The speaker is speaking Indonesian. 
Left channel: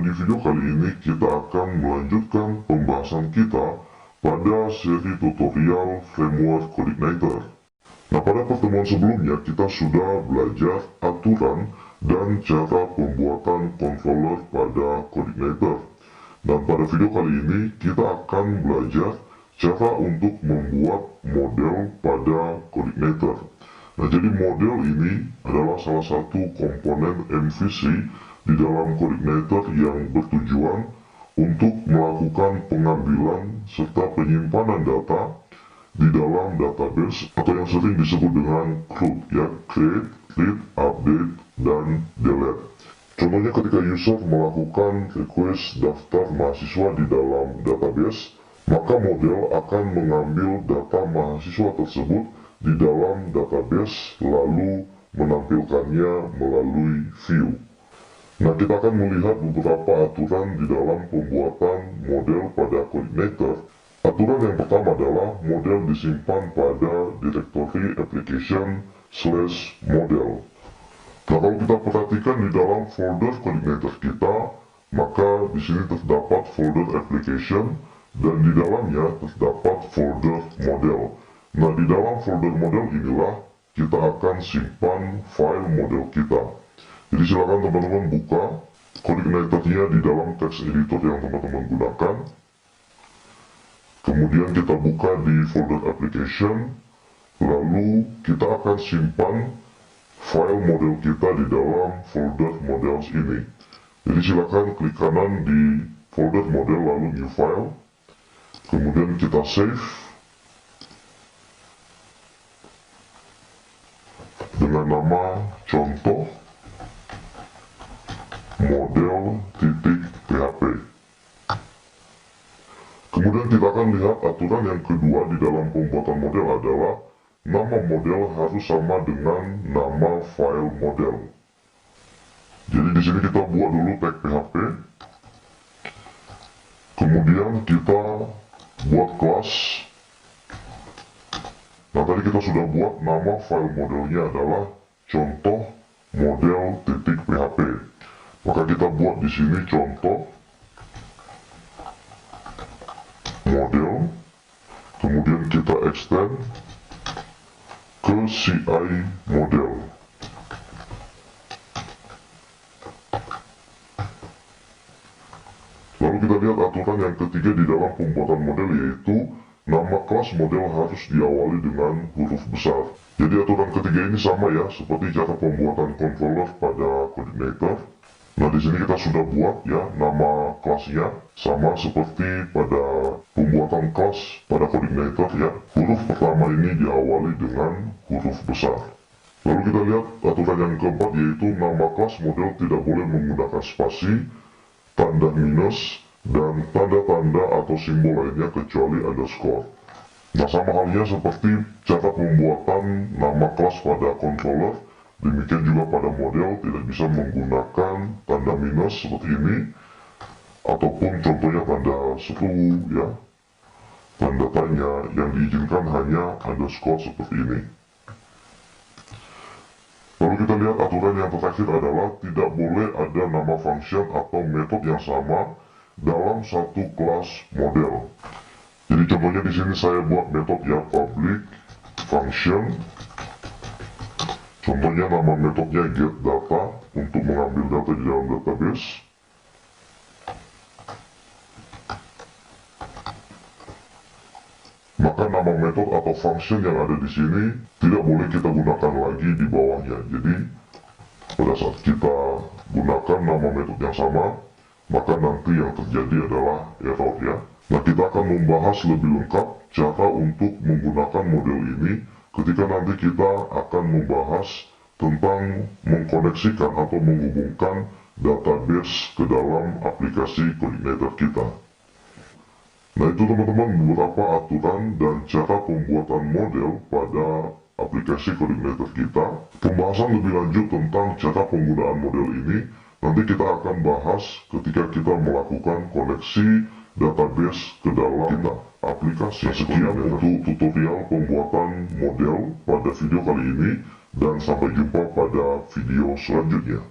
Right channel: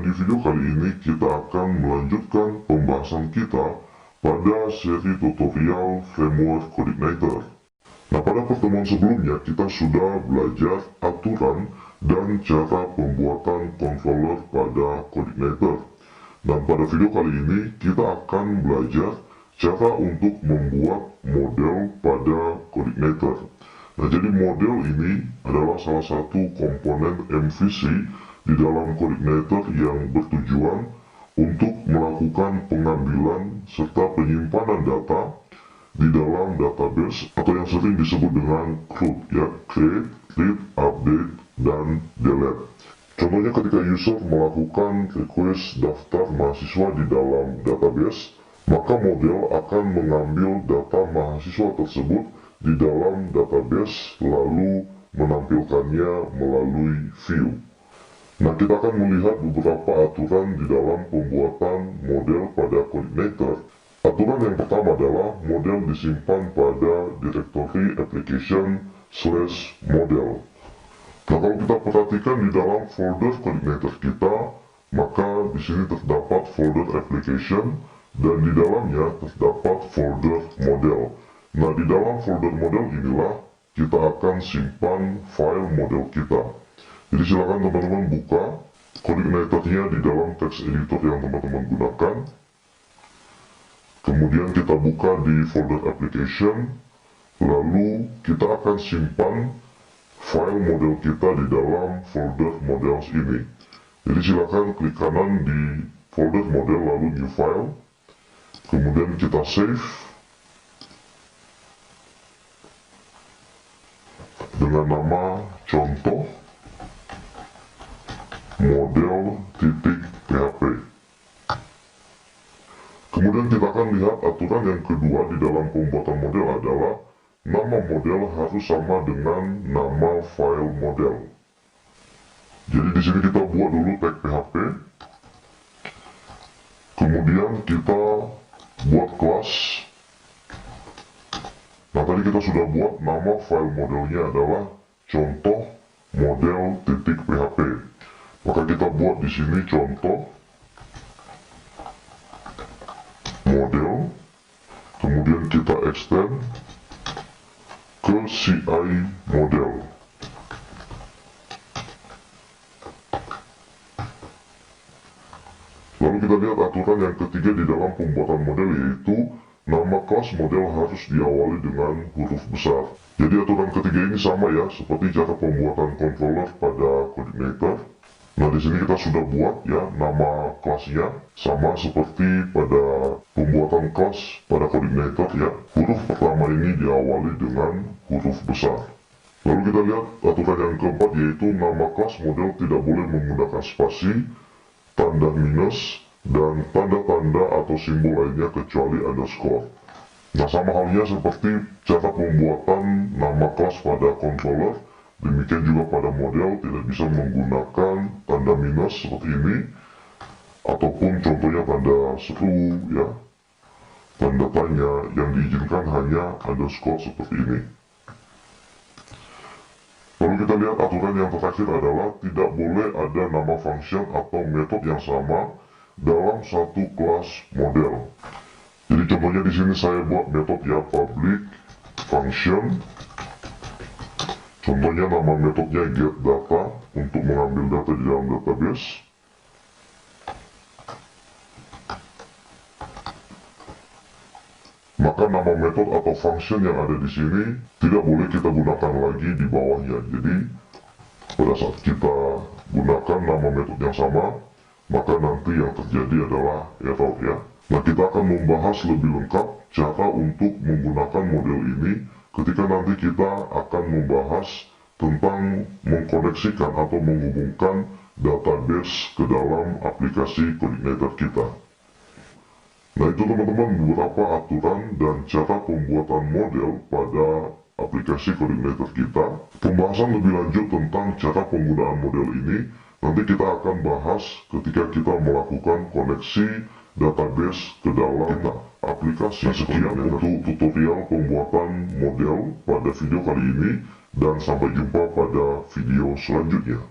Dan di video kali ini kita akan melanjutkan pembahasan kita pada seri tutorial framework CodeIgniter. Nah, pada pertemuan sebelumnya kita sudah belajar aturan dan cara pembuatan controller pada CodeIgniter. Dan pada video kali ini kita akan belajar cara untuk membuat model pada CodeIgniter. Nah, jadi model ini adalah salah satu komponen MVC di dalam CodeIgniter yang bertujuan untuk melakukan pengambilan serta penyimpanan data di dalam database atau yang sering disebut dengan CRUD, ya, create, read, update, dan delete. Contohnya ketika user melakukan request daftar mahasiswa di dalam database, maka model akan mengambil data mahasiswa tersebut di dalam database lalu menampilkannya melalui view. Nah, kita akan melihat beberapa aturan di dalam pembuatan model pada CodeIgniter. Aturan yang pertama adalah model disimpan pada directory application/model. Nah, kalau kita perhatikan di dalam folder CodeIgniter kita, maka di sini terdapat folder application dan di dalamnya terdapat folder model. Nah, di dalam folder model inilah kita akan simpan file model kita. Jadi silakan teman-teman buka CodeIgniter-nya di dalam text editor yang teman-teman gunakan. Kemudian kita buka di folder application, lalu kita akan simpan file model kita di dalam folder models ini. Jadi silakan klik kanan di folder model lalu new file. Kemudian kita save dengan nama contoh model.php. Kemudian kita akan lihat aturan yang kedua di dalam pembuatan model adalah nama model harus sama dengan nama file model. Jadi di sini kita buat dulu tag PHP. Kemudian kita buat kelas. Nah, tadi kita sudah buat nama file modelnya adalah contoh model.php. Maka kita buat di sini contoh model, kemudian kita extend ke CI model. Lalu kita lihat aturan yang ketiga di dalam pembuatan model, yaitu nama kelas model harus diawali dengan huruf besar. Jadi aturan ketiga ini sama ya, seperti cara pembuatan controller pada CodeIgniter. Nah, di sini kita sudah buat ya nama kelasnya sama seperti pada pembuatan kelas pada CodeIgniter ya. Huruf pertama ini diawali dengan huruf besar. Lalu kita lihat aturan yang keempat, yaitu nama kelas model tidak boleh menggunakan spasi, tanda minus, dan tanda-tanda atau simbol lainnya kecuali underscore. Nah, sama halnya seperti cara pembuatan nama kelas pada controller, demikian juga pada model tidak bisa menggunakan tanda minus seperti ini, ataupun contohnya tanda seru ya, tanda tanya, yang diizinkan hanya underscore seperti ini. Lalu kita lihat aturan yang terakhir adalah tidak boleh ada nama function atau metode yang sama dalam satu kelas model. Jadi contohnya di sini saya buat metode ya, public function. Contohnya nama metodenya getData untuk mengambil data di dalam database. Maka nama metode atau function yang ada di sini tidak boleh kita gunakan lagi di bawahnya. Jadi pada saat kita gunakan nama metode yang sama, maka nanti yang terjadi adalah error ya. Nah, kita akan membahas lebih lengkap cara untuk menggunakan model ini ketika nanti kita akan membahas tentang mengkoneksikan atau menghubungkan database ke dalam aplikasi CodeIgniter kita. Nah, itu teman-teman beberapa aturan dan cara pembuatan model pada aplikasi CodeIgniter kita. Pembahasan lebih lanjut tentang cara penggunaan model ini nanti kita akan bahas ketika kita melakukan koneksi database ke dalam aplikasi. Nah, sekian untuk tutorial pembuatan model pada video kali ini, dan sampai jumpa pada video selanjutnya.